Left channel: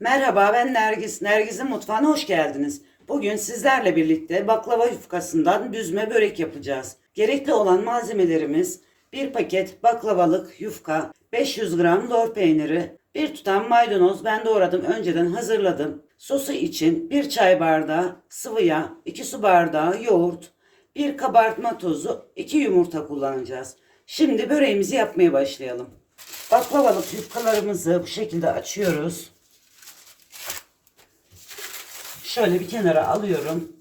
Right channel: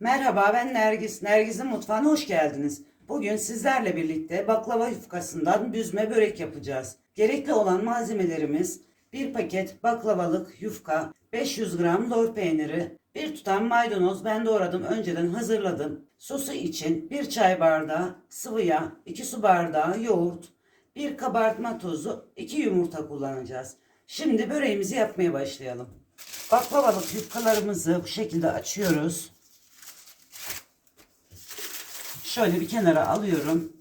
Merhaba ben Nergis. Nergis'in mutfağına hoş geldiniz. Bugün sizlerle birlikte baklava yufkasından düzme börek yapacağız. Gerekli olan malzemelerimiz bir paket baklavalık yufka, 500 gram lor peyniri, bir tutam maydanoz ben doğradım önceden hazırladım. Sosu için bir çay bardağı sıvı yağ, 2 su bardağı yoğurt, bir kabartma tozu, 2 yumurta kullanacağız. Şimdi böreğimizi yapmaya başlayalım. Baklavalık yufkalarımızı bu şekilde açıyoruz. Şöyle bir kenara alıyorum.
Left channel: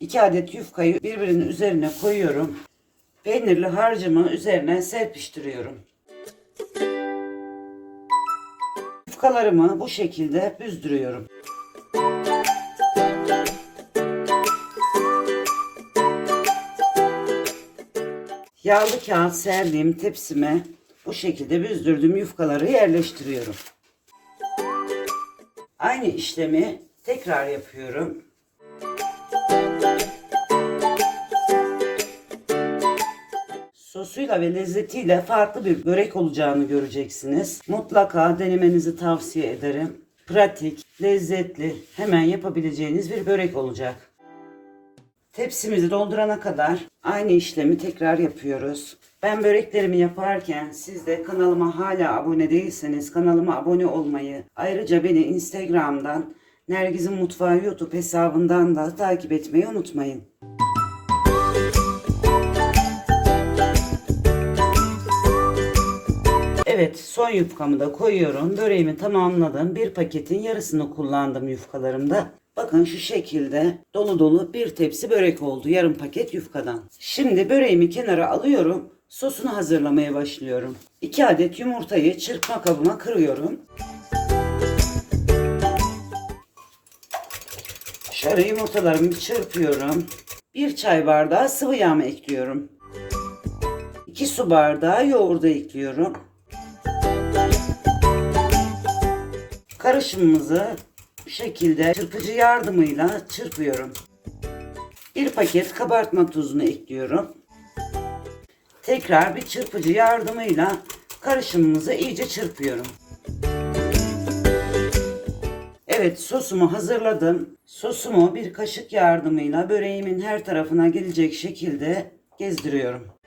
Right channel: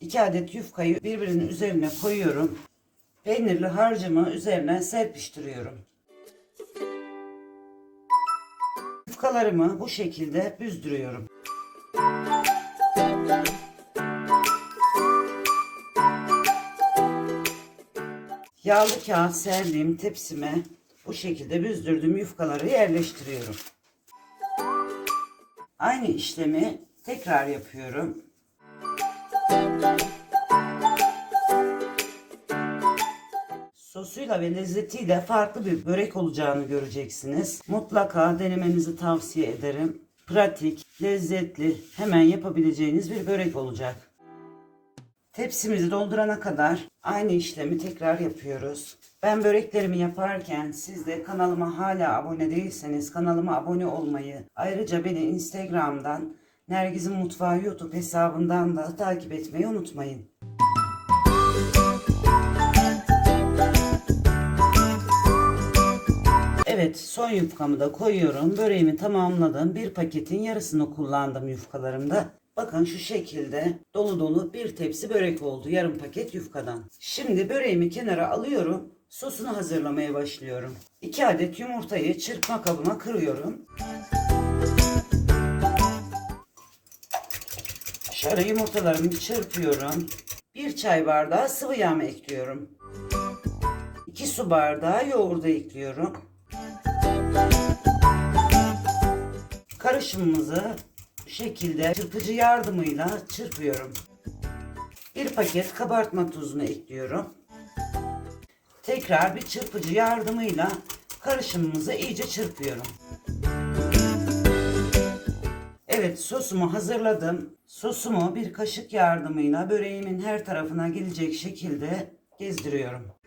İki adet yufkayı birbirinin üzerine koyuyorum. Peynirli harcımı üzerine serpiştiriyorum. Yufkalarımı bu şekilde büzdürüyorum. Yağlı kağıt serdiğim tepsime bu şekilde büzdürdüğüm yufkaları yerleştiriyorum. Aynı işlemi tekrar yapıyorum. Sosuyla ve lezzetiyle farklı bir börek olacağını göreceksiniz. Mutlaka denemenizi tavsiye ederim. Pratik, lezzetli, hemen yapabileceğiniz bir börek olacak. Tepsimizi doldurana kadar aynı işlemi tekrar yapıyoruz. Ben böreklerimi yaparken siz de kanalıma hala abone değilseniz kanalıma abone olmayı, ayrıca beni Instagram'dan Nergiz'in Mutfağı YouTube hesabından da takip etmeyi unutmayın. Evet son yufkamı da koyuyorum. Böreğimi tamamladım. Bir paketin yarısını kullandım yufkalarımda. Bakın şu şekilde dolu dolu bir tepsi börek oldu. Yarım paket yufkadan. Şimdi böreğimi kenara alıyorum. Sosunu hazırlamaya başlıyorum. 2 adet yumurtayı çırpma kabıma kırıyorum. Şöyle yumurtalarımı çırpıyorum. 1 çay bardağı sıvı yağımı ekliyorum. 2 su bardağı yoğurdu ekliyorum. Karışımımızı bu şekilde çırpıcı yardımıyla çırpıyorum. Bir paket kabartma tuzunu ekliyorum. Tekrar bir çırpıcı yardımıyla karışımımızı iyice çırpıyorum. Evet sosumu hazırladım. Sosumu bir kaşık yardımıyla böreğimin her tarafına gelecek şekilde gezdiriyorum.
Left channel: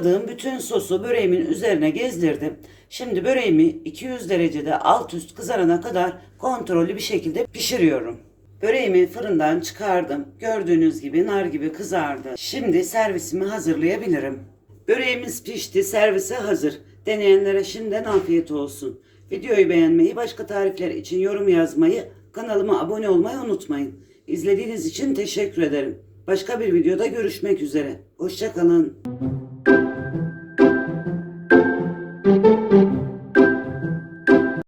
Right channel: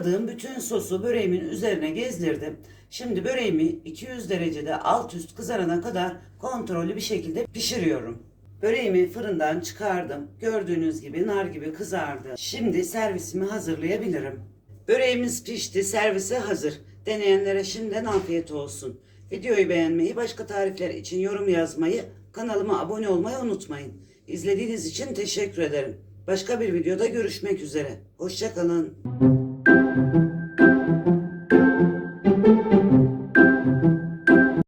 Hazırladığım bütün sosu böreğimin üzerine gezdirdim. Şimdi böreğimi 200 derecede alt üst kızarana kadar kontrollü bir şekilde pişiriyorum. Böreğimi fırından çıkardım. Gördüğünüz gibi nar gibi kızardı. Şimdi servisimi hazırlayabilirim. Böreğimiz pişti, servise hazır. Deneyenlere şimdiden afiyet olsun. Videoyu beğenmeyi, başka tarifler için yorum yazmayı, kanalıma abone olmayı unutmayın. İzlediğiniz için teşekkür ederim. Başka bir videoda görüşmek üzere. Hoşçakalın. Thank you.